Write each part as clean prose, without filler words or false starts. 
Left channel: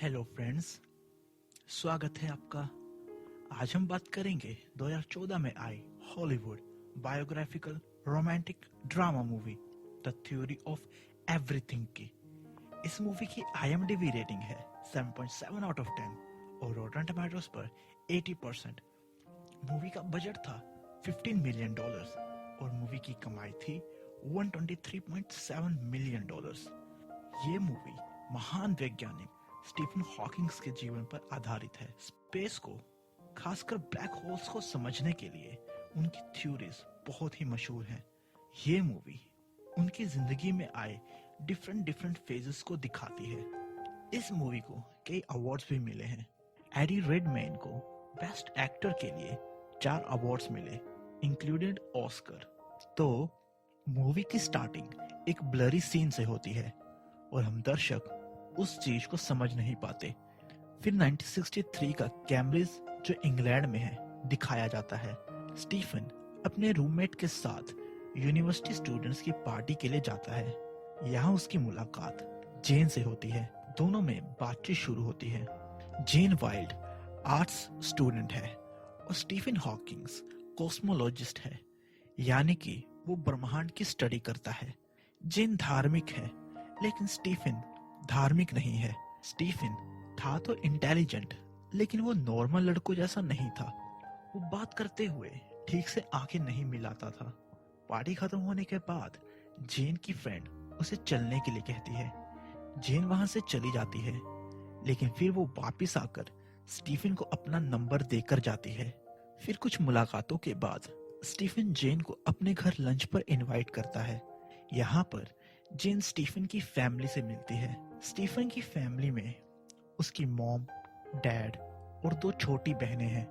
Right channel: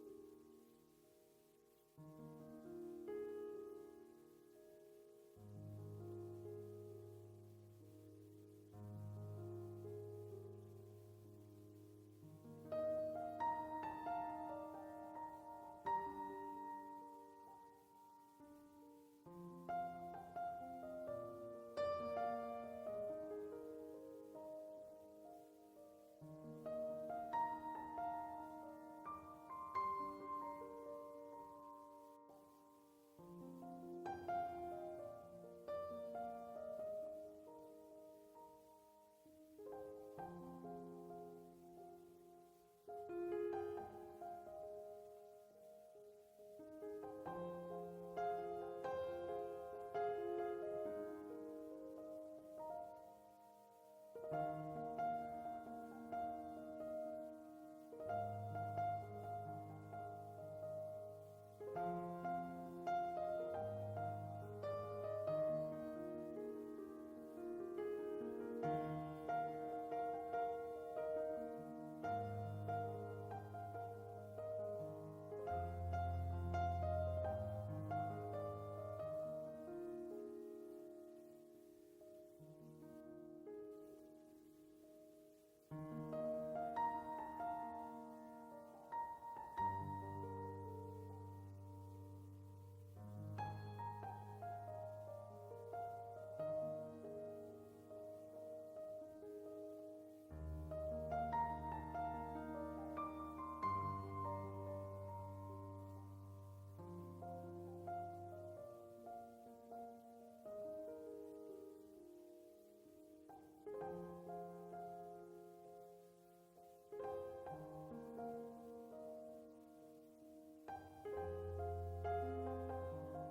Hello friends, स्वागत है आपका। आज हम बात करेंगे 2014 में आई Hollywood biographical romantic drama movie the theory of everything की। इस मूवी की IMDb रेटिंग है 7.7 आउट ऑफ 10 और रॉटन टमाटोज पर 80%। मूवी का बजट था $15 मिलियन और मूवी की कमाई थी $123.7 मिलियन। ये मूवी महान वैज्ञानिक स्टीफन हॉकिंग्स के जीवन पर आधारित है। स्पेस को, खासकर ब्लैक होल्स को समझने के लिए उनकी थ्योरीज बहुत ही मशहूर हैं। ये मूवी उनकी जिंदगी में आए डिफरेंट फेजेस को दिखाती है। इस मूवी को कई अवार्ड्स भी मिले हैं। एडी रेडमेन को बेस्ट एक्टर के लिए 4 अवार्ड्स मिले, इंक्लूडेड ऑस्कर। तो मूवी की स्टार्टिंग एक ब्लरी सीन से होती है और हम दर्शक उस चीज को समझ नहीं पाते। फिर 1963 का कैम्ब्रिज, जो इंग्लैंड में है, दिखाया जाता है। स्टीफन अपने रूममेट के साथ यूनिवर्सिटी स्टूडेंट्स की पार्टी के लिए जाता है। यहाँ उसकी मुलाकात जेन से होती है। दोनों में बातचीत शुरू होती है। जेन वाइल्ड आर्ट्स स्टूडेंट है और स्टीफन हॉकिंग्स कॉस्मोलॉजिस्ट है, यानी कि वो ब्रह्मांड की स्टडी करता है। जेन धार्मिक है, लेकिन स्टीफन धार्मिक नहीं है। स्टीफन था तो इंटेलिजेंट, लेकिन वो नॉर्मल लड़कों जैसा नहीं था। वो बात करते हुए ठीक से आंखें नहीं मिलाता था। पार्टी खत्म होने के बाद जेन की फ्रेंड उसे चलने के लिए कहती है। जेन वहां से चली जाती है, लेकिन फिर वो वापिस आकर स्टीफन को अपना नंबर देकर जाती है। फिर कुछ मुलाकातों के बाद स्टीफन जेन को अपने घर लंच पर इनवाइट करता है। यहाँ पर जेन स्टीफन की फैमिली से मिलती है। स्टीफन की फैमिली में उसकी मॉम, डैड और 2 छोटी बहनें हैं।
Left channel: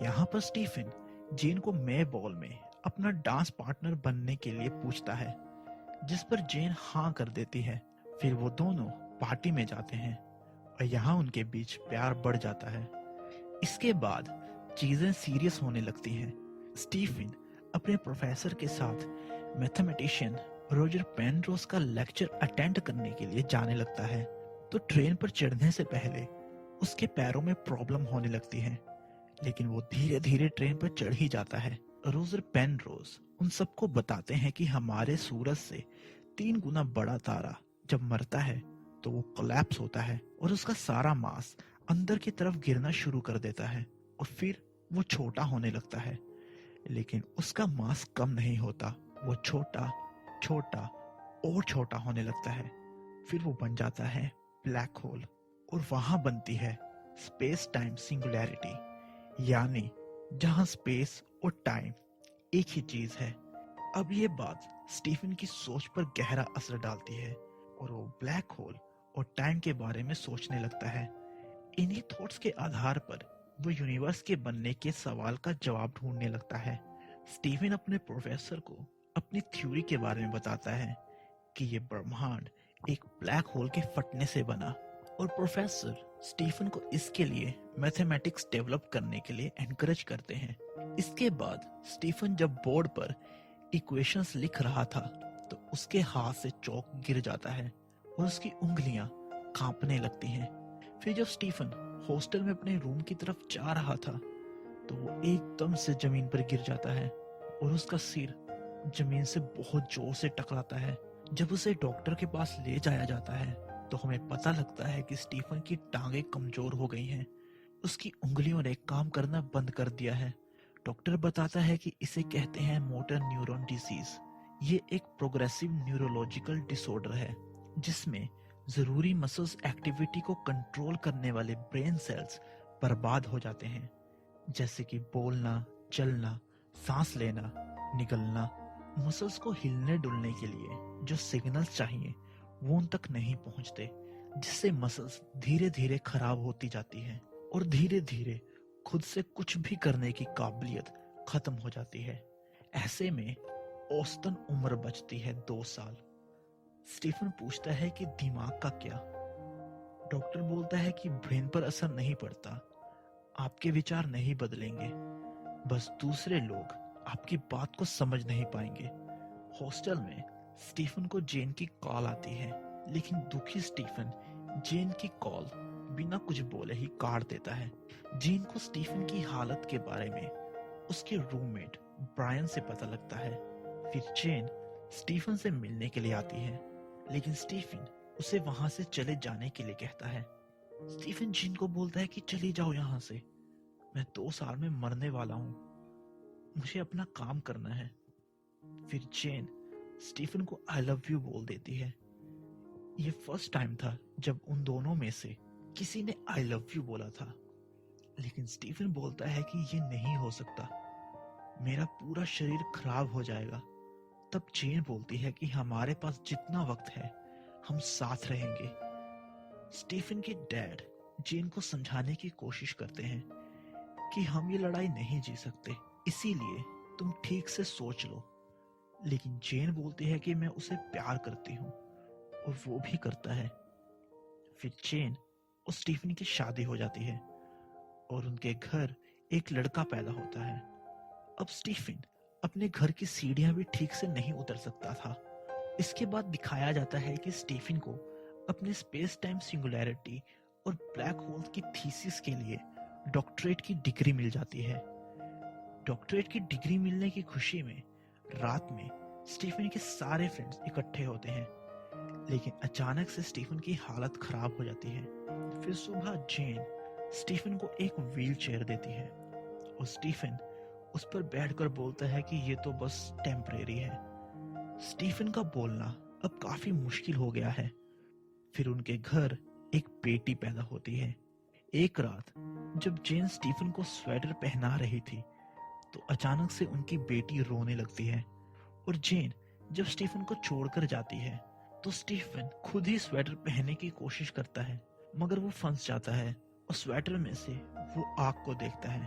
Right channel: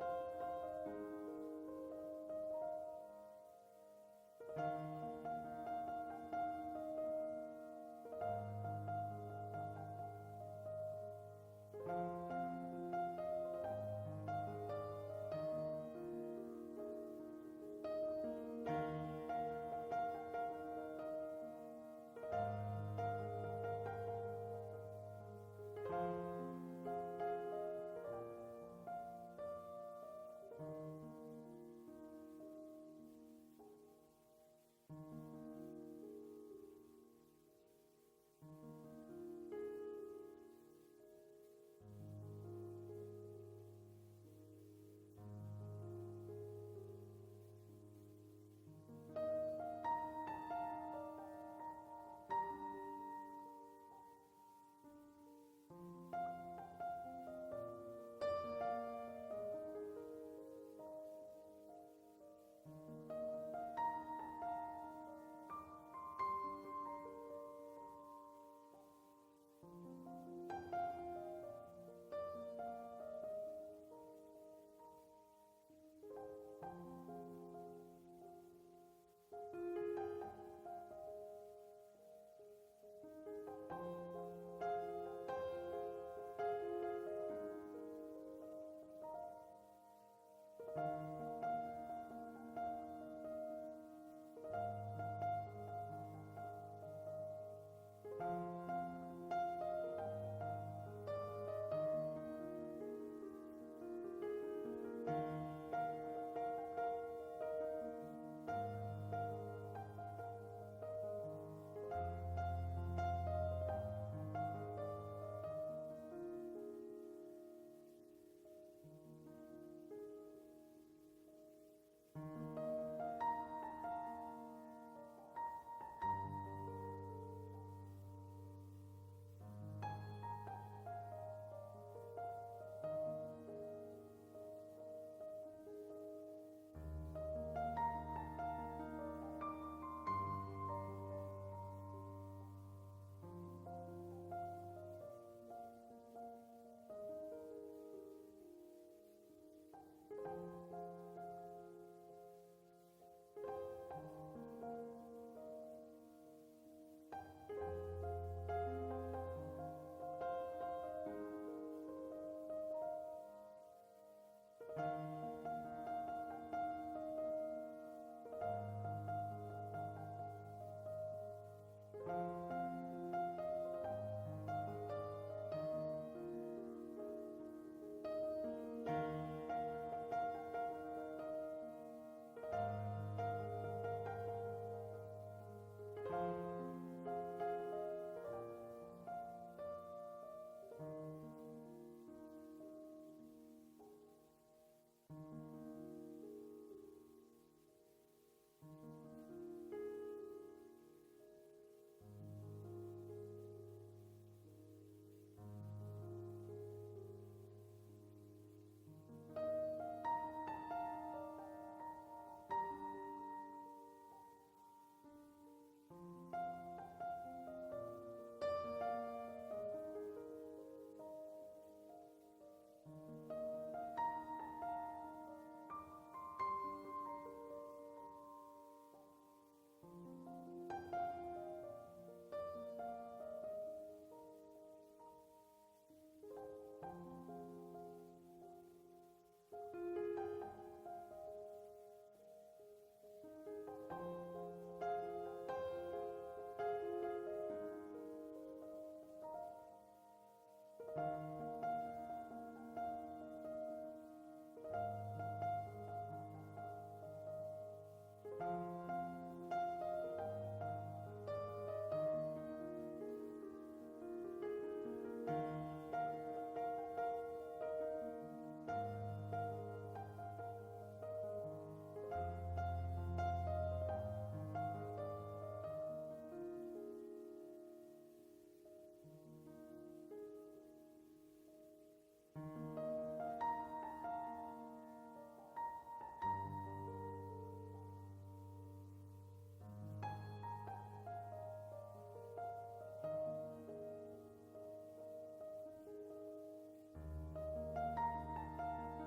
यहाँ पर स्टीफन जेन को मे बॉल में अपना डांस पार्टनर बनने के लिए पूछता है, जिस पर जेन हाँ कर देती है। फिर वो दोनों पार्टी में जाते हैं और यहाँ उनके बीच प्यार बढ़ जाता है। इसके बाद चीजें सीरियस होने लगती हैं। स्टीफन अपने प्रोफेसर के साथ मैथमेटिशियन रोजर पेनरोज का लेक्चर अटेंड करने के लिए जाने लगता है। तो ट्रेन पर चढ़ने से पहले उसके पैरों में प्रॉब्लम होने लगती है, लेकिन वो धीरे धीरे ट्रेन पर चढ़ ही जाता है। रोजर पेनरोज उन सबको बताते हैं कि हमारे सूरज से 3 गुना बड़ा तारा जब मरता है तो वो कोलैप्स होता है और उसका सारा मास अंदर की तरफ गिरना शुरू कर देता है और फिर वो छोटा होने लगता है। लेकिन उसका मास कम नहीं होता, वो छोटा छोटा और छोटा होने लगता है। फिर वो बन जाता है ब्लैक होल और वहां बनती है स्पेस टाइम सिंगुलैरिटी, यानी जहां स्पेस और टाइम एक ही चीज है। अब ये बात स्टीफन की सोच पर गहरा असर डालती है और वो ब्लैक होल और टाइम के बारे में सोचने लगता है। इन्हीं थॉट्स के आधार पर वो यूनिवर्स के बनने के सवाल का जवाब ढूंढने लगता है। स्टीफन अपने प्रोफेसर को अपनी थ्योरी के बारे में बताता है कि ये ब्रह्मांड एक ब्लैक होल के फटने से बना, और प्रोफेसर स्टीफन को इसके लिए मैथमेटिक्स डेवलप करने के लिए एनकरेज करते हैं। इसके बाद स्टीफन जब बोर्ड पर इक्वेशंस लिख रहा था तो उसके हाथ से चौक गिर जाता है और उसकी उंगलियां कांपने लगती हैं। फिर जब स्टीफन हॉस्टल में अपने रूम की तरफ जा रहा था तो वो एकदम से जमीन पर गिर जाता है और उसका सिर जमीन से बहुत जोर से टकराता है। जब उसे डॉक्टर के पास ले जाया जाता है तो हमें पता लगता है कि स्टीफन की टांगें कमजोर हो गई हैं। उसकी उंगलियों ने काम करना बंद कर दिया है। डॉक्टर बताता है कि इसे कहते हैं मोटर न्यूरॉन डिजीज। ये एक प्रोग्रेसिव न्यूरोलॉजिकल डिसऑर्डर है जिसमें जरूरी मसल्स एक्टिविटी को कंट्रोल करने वाले ब्रेन सेल्स बर्बाद हो जाते हैं, जैसे कि बोलना, चलना, सांस लेना, निगलना। मसल्स को हिलने डुलने के लिए जो सिग्नल्स चाहिए वो उन तक नहीं पहुंचते, जिससे मसल्स धीरे धीरे खराब होती जाती है और धीरे धीरे खुद से कुछ भी करने की काबिलियत खत्म हो जाती है। ऐसे में औसतन उम्र बचती है 2 साल। स्टीफन पूछता है कि दिमाग का क्या? डॉक्टर बोलता है कि ब्रेन पर असर नहीं पड़ता, आपके विचार नहीं बदलेंगे, बस दूसरे लोग आपकी बात को समझ नहीं पाएंगे। हॉस्टल में स्टीफन को जेन की कॉल आती है, लेकिन दुखी स्टीफन जेन की कॉल बिना कुछ बोले ही काट देता है। जेन को स्टीफन की हालत के बारे में उसके रूममेट ब्रायन से पता लगता है। फिर जेन स्टीफन से मिलने के लिए आती है, लेकिन स्टीफन उसे वहां से चले जाने के लिए कहता है। स्टीफन जेन को बोलता है कि चली जाओ यहाँ से, मैं 2 साल में मरने वाला हूँ, मुझे अपना काम करना है। फिर जेन स्टीफन को आई लव यू बोल देती है। ये फर्स्ट टाइम था जब उन दोनों में से किसी ने आई लव यू बोला था, लेकिन स्टीफन बोलता है कि ये नहीं हो सकता, मेरा पूरा शरीर खराब हो जाएगा। तब जेन बोलती है कि हमारे पास जितना वक्त है हम साथ रहेंगे। स्टीफन के डैड जेन को समझाने की कोशिश करते हैं कि हम ये लड़ाई नहीं जी सकते, इसीलिए तुम ठीक से सोच लो। लेकिन जेन बोलती है कि मैं उसे प्यार करती हूँ, और वो भी करता है। फिर जेन और स्टीफन की शादी हो जाती है और उनके घर एक लड़का पैदा होता है। अब स्टीफन अपने घर की सीढ़ियां भी ठीक से नहीं उतर सकता था। इसके बाद दिखाया जाता है कि स्टीफन को अपने स्पेस टाइम सिंगुलैरिटी और ब्लैक होल की थीसिस के लिए डॉक्टरेट की डिग्री मिल जाती है। डॉक्टरेट की डिग्री मिलने की खुशी में रात में स्टीफन के सारे फ्रेंड्स इकट्ठे होते हैं, लेकिन अचानक से स्टीफन की हालत खराब हो जाती है। फिर सुबह जेन स्टीफन को एक व्हील चेयर देती है और स्टीफन उस पर बैठकर बोलता है कि ये तो बस टेम्परेरी है। स्टीफन का बोलना अब काफी मुश्किल हो गया है। फिर उनके घर एक बेटी पैदा होती है। एक रात जब जेन स्टीफन को स्वेटर पहना रही थी, तो अचानक से उनकी बेटी रोने लगती है और जेन जब स्टीफन को छोड़कर जाती है तो स्टीफन खुद ही स्वेटर पहनने की कोशिश करता है, मगर वो फंस जाता है और स्वेटर में से वो आग को देखता है।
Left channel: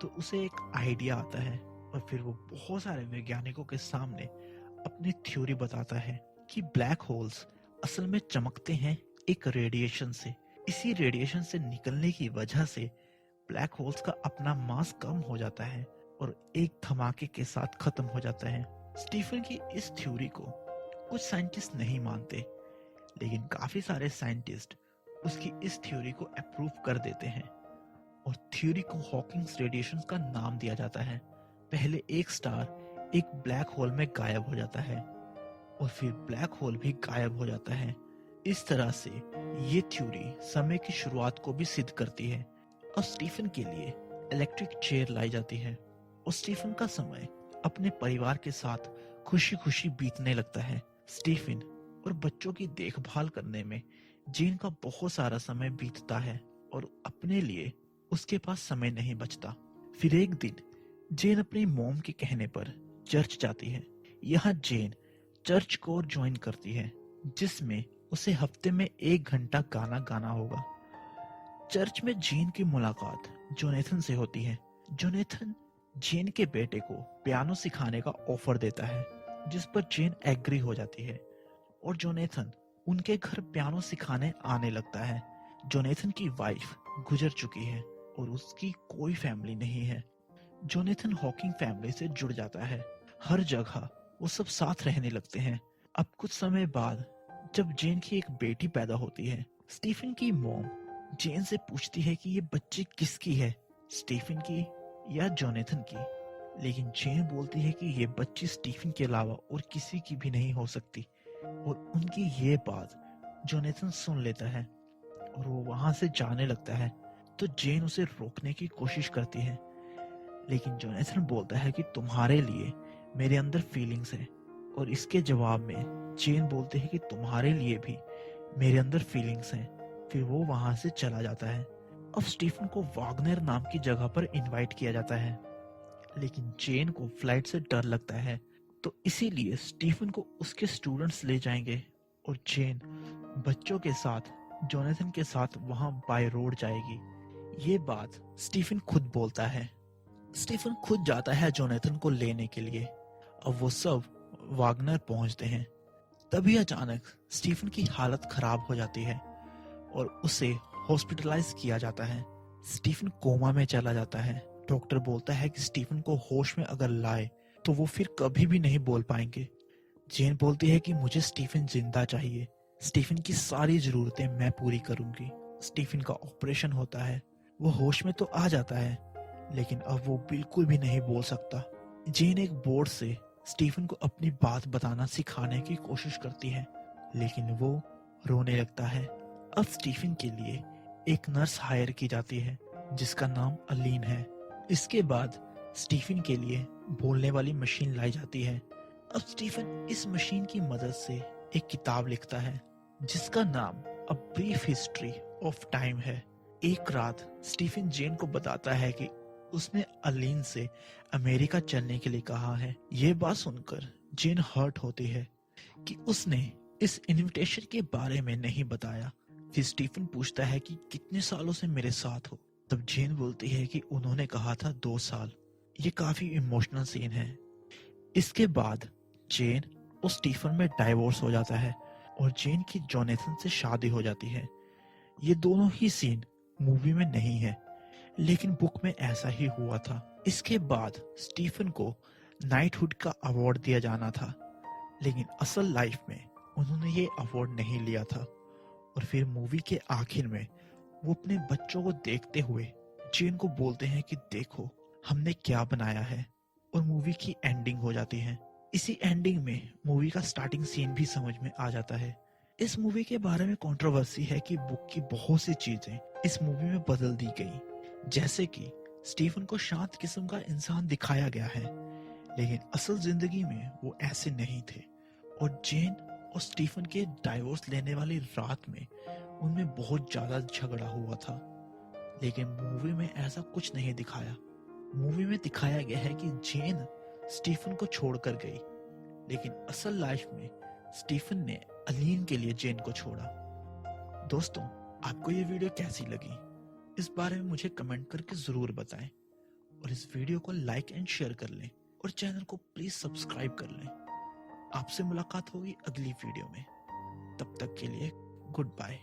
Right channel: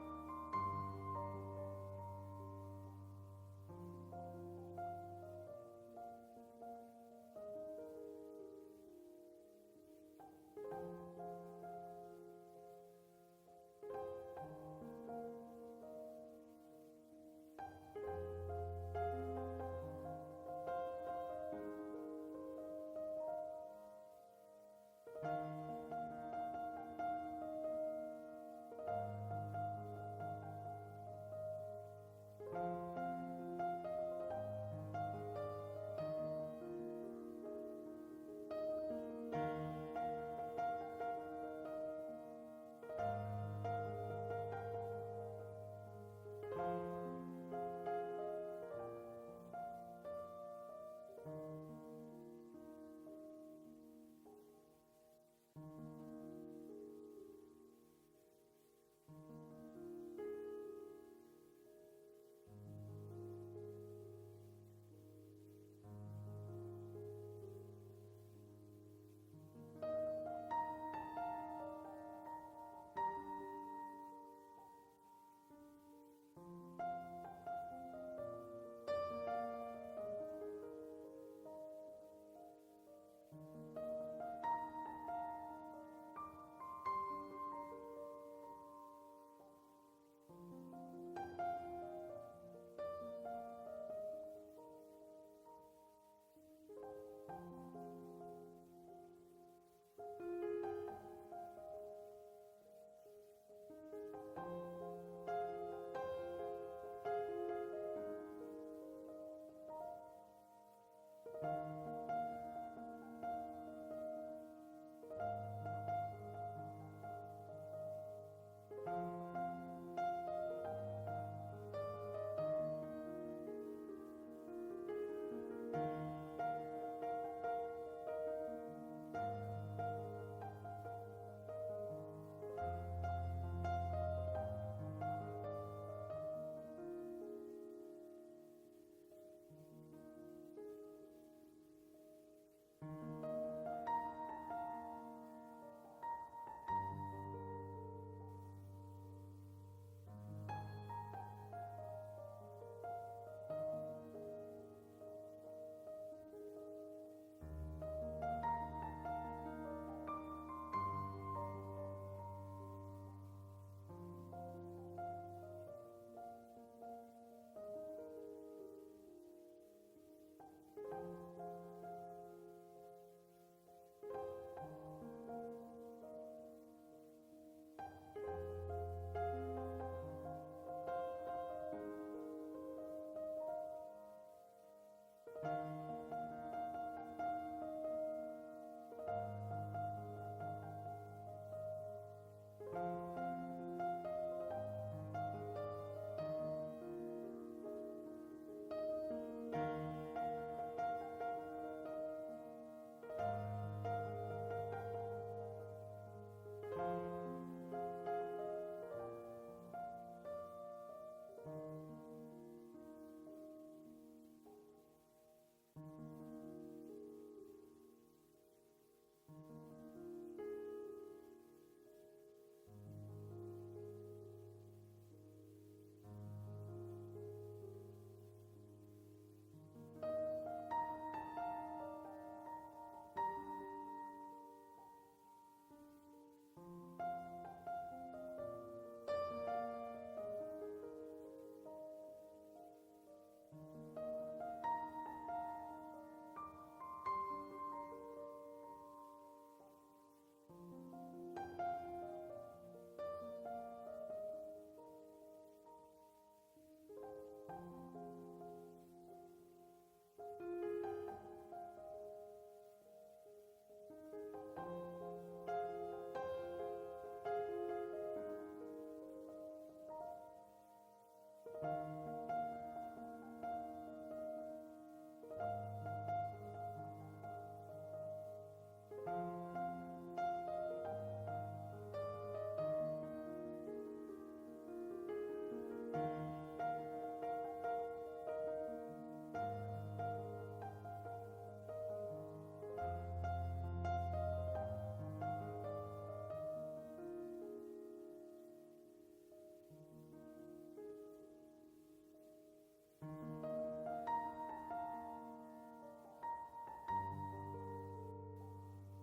तो उसे एक आइडिया आता है और फिर वो बहुत सारे वैज्ञानिकों के सामने अपनी थ्योरी बताता है कि ब्लैक होल्स असल में चमकते हैं एक रेडिएशन से। इसी रेडिएशन से निकलने की वजह से ब्लैक होल्स का अपना मास कम हो जाता है और एक धमाके के साथ खत्म हो जाता है। स्टीफन की इस थ्योरी को कुछ साइंटिस्ट नहीं मानते, लेकिन काफी सारे साइंटिस्ट उसकी इस थ्योरी को अप्रूव कर देते हैं और थ्योरी को हॉकिंग्स रेडिएशन का नाम दिया जाता है। पहले एक स्टार एक ब्लैक होल में गायब हो जाता है और फिर ब्लैक होल भी गायब हो जाता है। इस तरह से ये थ्योरी समय की शुरुआत को भी सिद्ध करती है। और स्टीफन के लिए इलेक्ट्रिक चेयर लाई जाती है और स्टीफन का समय अपने परिवार के साथ खुशी खुशी बीतने लगता है। स्टीफन और बच्चों की देखभाल करने में जेन का बहुत सारा समय बीतता है और अपने लिए उसके पास समय नहीं बचता। फिर एक दिन जेन अपनी मॉम के कहने पर चर्च जाती है। यहाँ जेन चर्च कोर ज्वाइन करती है, जिसमें उसे हफ्ते में 1 घंटा गाना गाना होगा। चर्च में जेन की मुलाकात जोनेथन से होती है। जोनेथन जेन के बेटे को पियानो सिखाने का ऑफर देता है, जिस पर जेन एग्री हो जाती है और जोनेथन उनके घर पियानो सिखाने आने लगता है। जोनेथन की वाइफ गुजर चुकी है और उसकी कोई फैमिली नहीं है। जोनेथन हॉकिंग फैमिली से जुड़ जाता है। हर जगह वो सब साथ रहने लगते हैं। अब कुछ समय बाद जब जेन की एक बेटी पैदा होती है, स्टीफन की मॉम जेन से पूछती है कि ये बच्ची किसकी है, स्टीफन की या जोनेथन की। लेकिन जेन बोलती है कि ये बच्ची स्टीफन के अलावा और किसी की भी नहीं हो सकती। और उनकी ये बात जोनेथन सुन लेता है और वो वहां से जाने लगता है। तो जेन उसे रोकने की कोशिश करती है, लेकिन जोनेथन बोलता है कि तुम्हारे लिए मेरे अंदर फीलिंग्स है। और इसके जवाब में जेन बोलते हैं कि तुम्हारे लिए भी मेरे अंदर फीलिंग्स हैं। फिर वो वहां से चला जाता है। अब स्टीफन को वागनर नाम की जगह पर इनवाइट किया जाता है, लेकिन जेन को फ्लाइट से डर लगता है, तो इसीलिए स्टीफन को उसके स्टूडेंट्स ले जाएंगे और जेन बच्चों के साथ जोनेथन के साथ वहां बाय रोड जाएगी। ये बात स्टीफन खुद बोलता है। स्टीफन खुद जाता है जोनेथन को लेने के लिए। अब वो सब वागनर पहुंचते हैं। तभी अचानक स्टीफन की हालत खराब हो जाती है और उसे हॉस्पिटलाइज किया जाता है। स्टीफन कोमा में चला जाता है। डॉक्टर बोलता है कि स्टीफन को होश में अगर लाए तो वो फिर कभी भी नहीं बोल पाएंगे। जेन बोलती है कि मुझे स्टीफन जिंदा चाहिए, स्टीफन की सारी जरूरतें मैं पूरी करूंगी। स्टीफन का ऑपरेशन होता है, वो होश में तो आ जाता है, लेकिन अब वो बिल्कुल भी नहीं बोल सकता। जेन एक बोर्ड से स्टीफन को अपनी बात बताना सिखाने की कोशिश करती है, लेकिन वो रोने लगता है। अब स्टीफन के लिए एक नर्स हायर की जाती है जिसका नाम अलीन है। इसके बाद स्टीफन के लिए बोलने वाली मशीन लाई जाती है। अब स्टीफन इस मशीन की मदद से एक किताब लिखता है जिसका नाम a brief history of time है। एक रात स्टीफन जेन को बताता है कि उसने अलीन से अमेरिका चलने के लिए कहा है। ये बात सुनकर जेन हर्ट होती है कि उसने इस इनविटेशन के बारे में नहीं बताया। फिर स्टीफन पूछता है कि कितने सालों से मेरे साथ हो। तब जेन बोलती है कि उन्होंने कहा था 2 साल। ये काफी इमोशनल सीन है। इसके बाद जेन और स्टीफन में डाइवोर्स हो जाता है और जेन की जोनेथन से शादी हो जाती है। ये दोनों ही सीन मूवी में नहीं है, लेकिन बुक में ऐसा ही हुआ था। इसके बाद स्टीफन को नाइटहुड का अवार्ड दिया जाना था, लेकिन असल लाइफ में उन्होंने ये अवार्ड नहीं लिया था। और फिर मूवी के आखिर में वो अपने बच्चों को देखते हुए जेन को बोलते हैं कि देखो हमने क्या बनाया है, और मूवी की एंडिंग हो जाती है। इसी एंडिंग में मूवी का स्टार्टिंग सीन भी समझ में आ जाता है। इस मूवी के बारे में कंट्रोवर्सी है कि बुक की बहुत सी चीजें इस मूवी में बदल दी गई, जैसे कि स्टीफन को शांत किस्म का इंसान दिखाया गया है, लेकिन असल जिंदगी में वो ऐसे नहीं थे। और जेन और स्टीफन के डाइवोर्स लेने वाली रात में उनमें बहुत ज्यादा झगड़ा हुआ था, लेकिन मूवी में ऐसा कुछ नहीं दिखाया। मूवी में दिखाया गया है कि जेन स्टीफन को छोड़कर गई, लेकिन असल लाइफ में स्टीफन ने अलीन के लिए जेन को छोड़ा। दोस्तों, आपको ये वीडियो कैसी लगी इस बारे में मुझे कमेंट करके जरूर बताएं, और इस वीडियो को लाइक एंड शेयर कर लें, और चैनल को प्लीज सब्सक्राइब कर लें। आपसे मुलाकात होगी अगली वीडियो में। तब तक के लिए गुड बाय।